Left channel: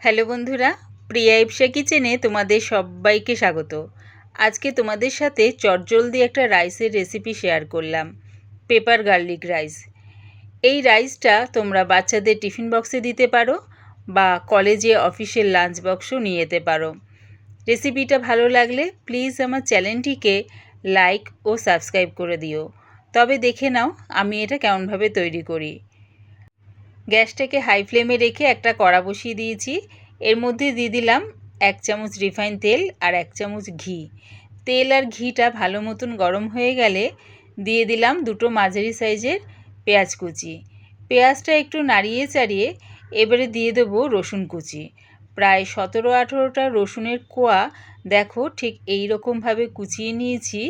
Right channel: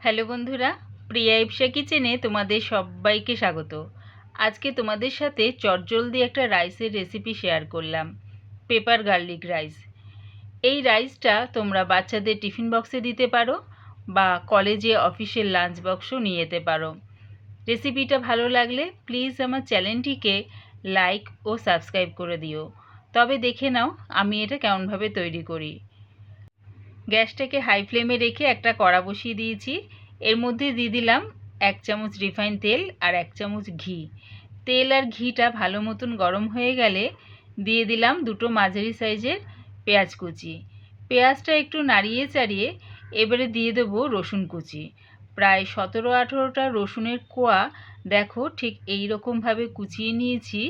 Hello বন্ধুরা, প্রিয়া ইপসা কিচেনে তোমাদের সবাইকে স্বাগত। আজকে তোমাদের সাথে চটজলদি একটা রাইসের রেসিপি শেয়ার করলাম, পেপার গার্লিক রাইস। এই রাইসটা তোমরা বাচ্চাদের টিফিন বক্সে দিতে পারো বা কলেজে অফিসের লাঞ্চ বক্সও নিয়ে যেতে পারো। রেসিপিটা ভালো লাগলে প্লিজ আমার চ্যানেলটিকে লাইক ও সাবস্ক্রাইব করে দিও। তবে দেখে নাও আমি এটা কেমনভাবে তৈরি করি। গ্যাসটাকে হাই ফ্লেমে রেখে একটা কড়া বসিয়ে দিয়েছি। এর মধ্যে দিয়ে দিলাম 1 চামচ রিফাইন তেল আর 1 চামচ ঘি। তেল আর ঘিটা ভালো মতন গরম হয়ে গেলে দিয়ে দিলাম দুটো মাঝারি সাইজের পেঁয়াজ কুচি। পেঁয়াজটা একটু নাড়িয়ে চাড়িয়ে এবারে দিয়ে দেবো রসুন কুচি। প্রায় 17-18টা রসুনের কোয়া দেখো ঠিক এই রকমভাবে কুচিয়ে নিয়েছি।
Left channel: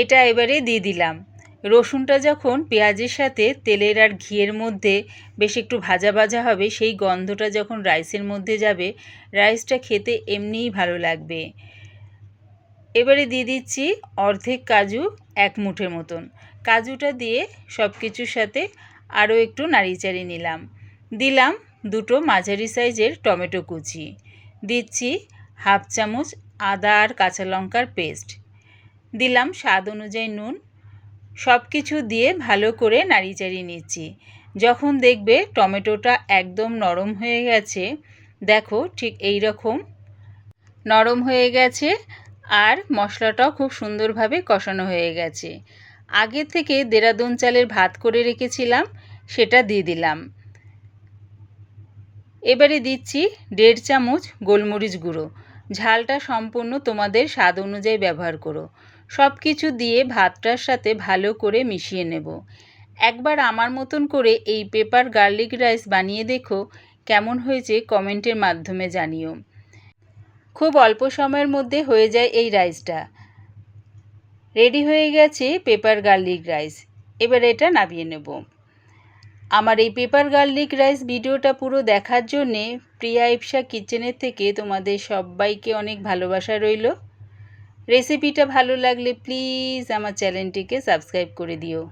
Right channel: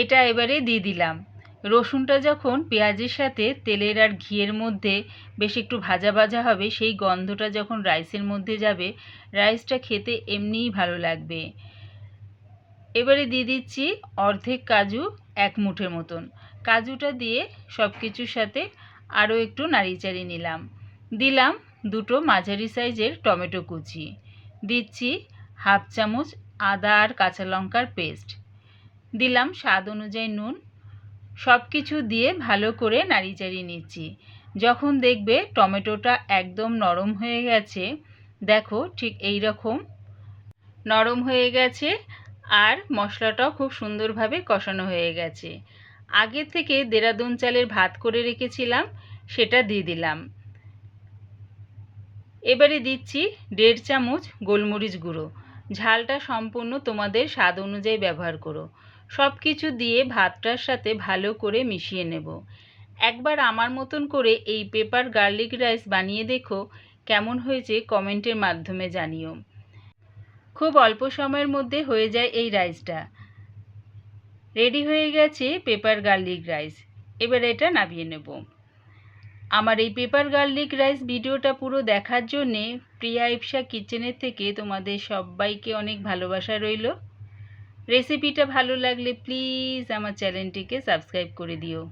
এটা এবারে দিয়ে দিলাম। রসুনটা যখন পেঁয়াজের সাথে তেলের আর ঘিয়ের মধ্যে বেশ একটু ভাজা ভাজা হবে, সেই গন্ধটা যখন রাইসের মধ্যে যাবে, রাইসটা খেতে এমনিই ভালো লাগবে। এবারে দিয়ে দিচ্ছি অর্ধেক কাজু, 1 মুঠের মতন। কাজুটা দিয়ে সব কিছুর সাথে আরও একটু নাড়িয়ে চাড়িয়ে নিলাম। দিলাম দুটো মাঝারি সাইজের টমেটো কুচি। দিচ্ছি 1/2 চামচ আদা আর কাঁচা লঙ্কার পেস্ট। দিলাম স্বাদ অনুযায়ী নুন। সব কিছু দিয়ে ভালো করে নাড়িয়ে চাড়িয়ে নিচ্ছি। যখন দেখবে টমেটোটা একদম নরম হয়ে গেছে, দেখো ঠিক এই রকম নরম হয়ে গেছে আর মশলাটাও খুব সুন্দরভাবে কষানো হয়ে গেছে। আগে থেকে দেরাদুন চালের ভাত করে রেখেছিলাম, সেটা দিয়ে দিলাম। এবারে দিচ্ছি 1.5 চামচ গোলমরিচ গুঁড়ো। ঝালটা সম্পূর্ণ তোমাদের স্বাদ অনুযায়ী ব্যবহার করো। সব কিছু দিয়ে ভাতটার সাথে ভালো করে মিশিয়ে নেব। একবার আমার মতন করে এই পেপার গার্লিক রাইস বানিয়ে দেখো, কেমন হয়েছে কমেন্টের মাধ্যমে জানিও। খুব অল্প সময়ের মধ্যে হয়ে যায় এই রাইসটা। রেডি হয়ে গেছে পেপার গার্লিক রাইস। এবার এটা নামিয়ে নেব। আমার এই পেপার গার্লিক রাইস ভিডিওটা পুরো দেখার জন্যে প্রিয়া ইপসা কিচেনের থেকে তোমাদের সবাইকে অনেক ভালোবাসা রইল। রেসিপিটা ভালো লাগলে প্লিজ আমার চ্যানেলটিকে সাবস্ক্রাইব করে দিও।